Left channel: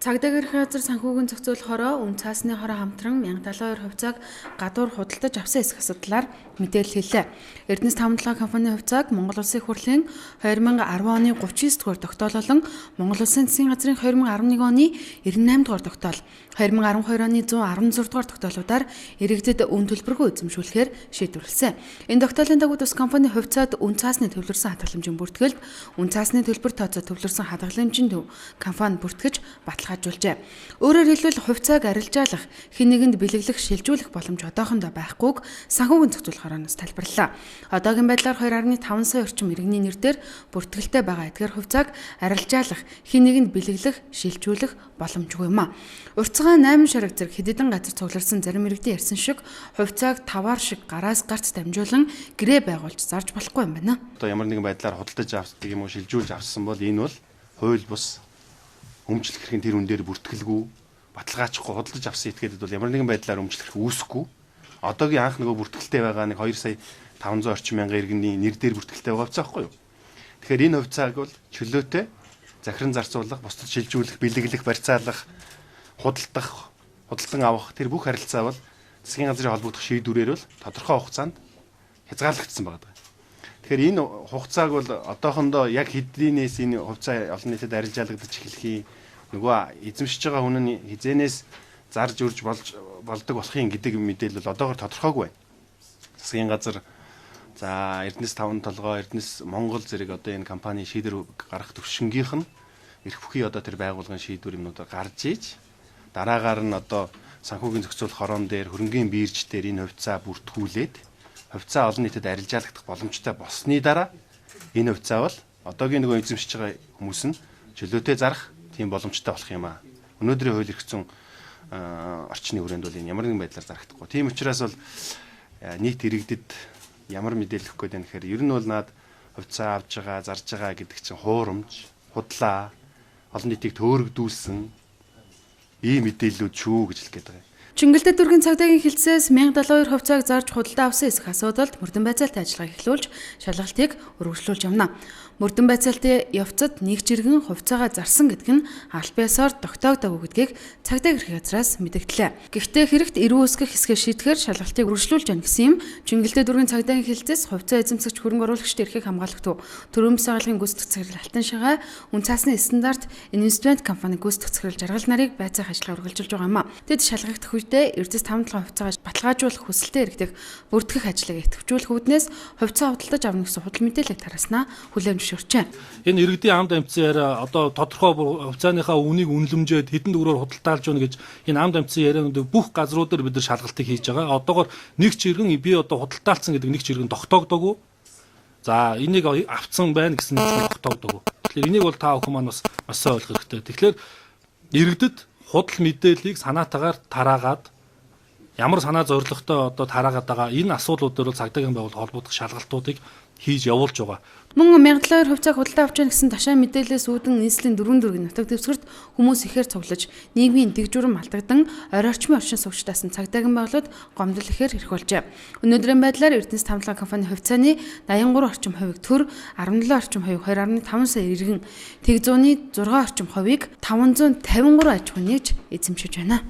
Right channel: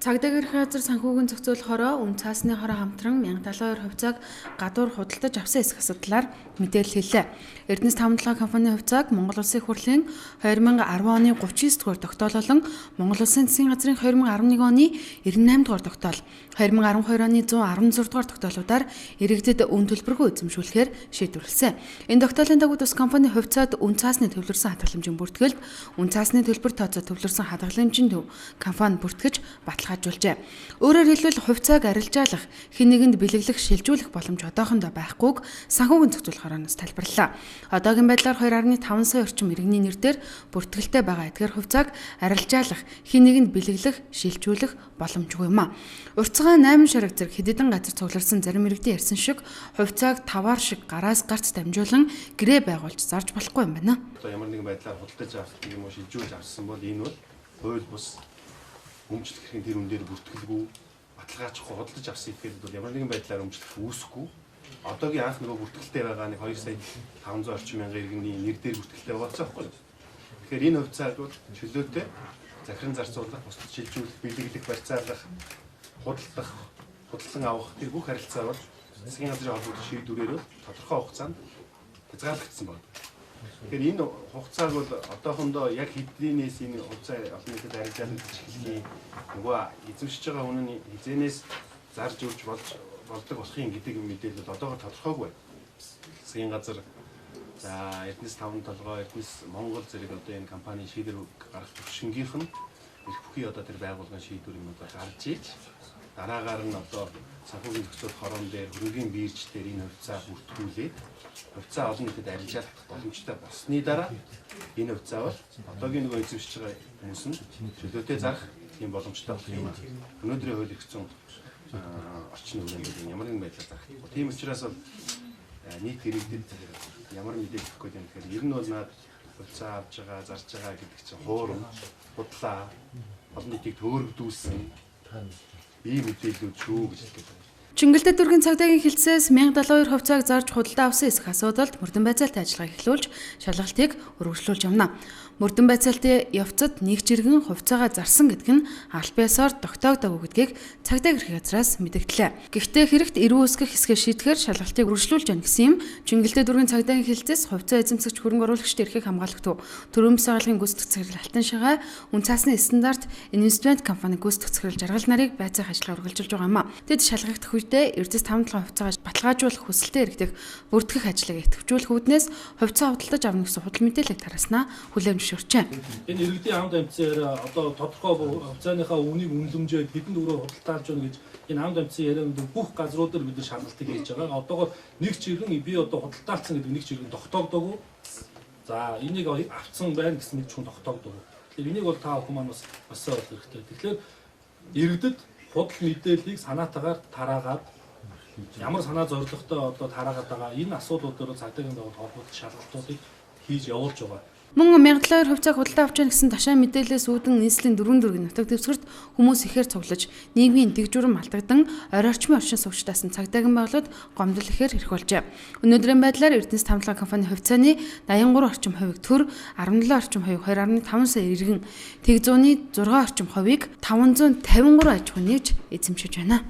Цагдаагийн газар санхүүгийн зохицуулах хороо үн цаасны хороо хамтран 1072 хувьцааг гадуур худалдаж авсан эсэх асуудлаар мэдээлэл хэллээ. Эрдэнэс тавталгаа компанийн хувьцааг Монгол Улсын хурлын 2010 оны 39 дугаар тогтоол болон Монгол Улсын засгийн газрын 2011 оны 98 дугаар тогтоол, 2012 оны 116 дугаар тогтоолуудаар иргэдэд үн төлбөргүй эзэмшүүлэхээр шийдвэрлэсэн. Энэ тогтоолын дагуу тус компанийн хувьцаат үн цаасны төвлөрсөн хадгаламжийн бүртгэлд үн цаасны төлбөр тооцоо төвлөрсөн хадгаламжийн төв компани бүртгэж баталгаажуулжээ. Өөрөөр хэлбэл хувьцааг арилжаалах, хэн нэгэнд бэлэглэх, шилжүүлэх боломж одоохондоо байхгүйг санхүүгийн зохицуулах хороноос тайлбарллаа. Одоогийн байдлаар 2.5 сая орчим иргэний нэрээр бүртгэлтэй байгаа эдгээр хувьцааг арилжаалах, хэн нэгэнд бэлэглэх, шилжүүлэх боломжгүй юм а. Урьдчилан 8 шараг зэрэг хэдэн газар цугларсан зарим иргэдийн ярьсан шиг хувьцааг таваар шиг гараас гарт дамжуулан гэрээ байгуулж зарж болохгүй юм байна. Одоо ямар нэгэн байдлаар худалдаж авсан юм уу, шилжүүлж авсан бол энэ бол хууль бус өмчлөх хэрэг тэр үн дээр бүртгэлгүй, баталгаажихгүй худалдаж авсан этгээдэд бол ямар нэгэн байдлаар өмчлөх үүсэхгүй. Одоогийн анх нөгөө бүртгэлтэй байгаа нэг 2 сая 500 орчим мянган иргэний нэр дээр бүртгэлтэй байгаа хувьцаа байхгүй юу? Тэгэхээр энэ хувьцааг бол чөлөөтэй захиран зарцуулах, бусдад шилжүүлэх, бэлэглэх, барьцаалах, худалдан авах тэр бүх харилцаа бол засгийн газрын холбогдох шийдвэрээр бол тодорхой хугацаанд хязгаарлагдсан байна. Тэгэхээр энэ хугацааг бол одоохондоо яг хэдийнээс энэ хувьцаа олон нийтэд арилжаалагдаж эхлэхий нөгөө эзэмшиж байгаа хүн нь хизэнээс зарж өрж болдог болохын гэдэг мэдээлэл бол одоогоор тодорхойгүй байна. Засгийн газар за Эрдэнэс таван толгой, Эрдэнэс Монгол зэрэг одоо энэ компани шийдвэр гаргах төвшингийнх нь эрх бүхий одоо тэр байгууллагын шийдвэр юмнуудаар гарч ийж дараагаар нь одоо санхүүгийн зохицуулах хорон дээр хөрөнгөний бирж дээр энэ хувьцаа бүртгүүлээд хувьцаа олон нийтэд арилжаалагдах боломжтой болсны дараа энэ хувьцаа бол одоогийн нөгөө эзэмшиж байгаа хүмүүс нь чөлөөтэй зарах тийм боломжтой болох юм аа. Өнөөдрийн хууль эрх зүйн орчны хүрээнд бол энэ ямар нэгэн байдлаар зарагдахгүй. Тийм учраас бол нийт иргэдэд ямар мэдээлэл өгөх гээд байна гэхээр ер нь бол наад хувьцаа авж байгаа, зарж байгаа гэдэг чинь хуурамч, худлаа, олон нийтийг төөрөгдүүлсэн ийм мэдээллүүд шүү гэж хэлэх гээд байна. Чингэлдээ дүүргийн цагдаагийн хилцээс 1072 хувьцааг зарж худалдаа авсан эсэх асуудалд мөрдөн байцаалтай ажиллагаа эхлүүлж шалгалтыг өргөжлүүлж явна. Мөрдөн байцаалтын явцад нэг жиргэн хувьцаагаа зарсан гэдэг нь аль биесээр тогтоогдоогүй гэдгийг цагдаа гэрхийн газраас мэдэгдлээ. Гэхдээ хэрэгт эрүү үүсгэх хэсгээ шийдэхээр шалгалтыг өргөжлүүлж яана гэсэн юм. Чингэлдээ дүүргийн цагдаагийн хилцээс хувьцаа эзэмсэгч хөрөнгө оруулагчдын эрхийг хамгаалах төв төрөмс байгууллагын гүйцэтгэх захирал Алтан шагаа үн цаасны стандарт инвестмент компани гүйцэтгэх захирал Жаргал нарыг байцаах ажиллагаа үргэлжилж байгаа юм а. Тэд шалгагдах үедээ Эрдэнэс тавталгаа хувьцаагаа баталгаажуулах хүсэлтэд иргэдэг бүртгэх ажлыг идэвхжүүлэх үүднээс хувьцаа худалдаж авна гэсэн худал мэдээлэл тараснаа хүлээмж зөвшөөрчээ. Энэ иргэдийн амд амьтсан яриа одоо тодорхой хувьцааныхаа үнийг үнэлэмжээд хэдэн төгрөгөөр худалдаалж байна гэж энэ амд амьтсан ярианд бүх газруудаар бид нар шалгалтыг хийж байгаа. Одоогоор нэг чиргэн би одоо худалдаалцсан гэдэг нэг чиргэн тогтоогдоогүй. За энийг авцсан байна гэсэн нэг чиргэн тогтоогдоогүй. Тэгэхээр энийг бол та бүхэн маань бас сайн ойлгох хэрэгтэй. Тэгэхээр иргэдэд худал мэдээллийг санаатаагаар тараагаад ямар санаа зорилготой одоо тараагаад байгаа энэ асуудлууд дээр бол цагдаагийн байгууллага холбогдох шалгалтуудыг хийж явуулж байгаа. Мөн 1072 хувьцааг худалдаа авч яана гэсэн ташаа мэдээлэлээс үүдэн нийслэлийн 4 дүүргийн нутаг дэвсгэрт хүмүүс ихээр цуглаж нийгмийн дэвжүрэн алдагдан орчин сувчтаасан цагдаагийн байгууллагад гомдол ихээр эрх болжээ. Өнөөдрийн байдлаар Эрдэнэс тавталгаа компани хувьцааны 83 орчим хувийг төр, 17 орчим хувийг 2.5 сая иргэн, тэг зууны 6 орчим хувийг 553 аж ахуй нэгж эзэмшиж байна.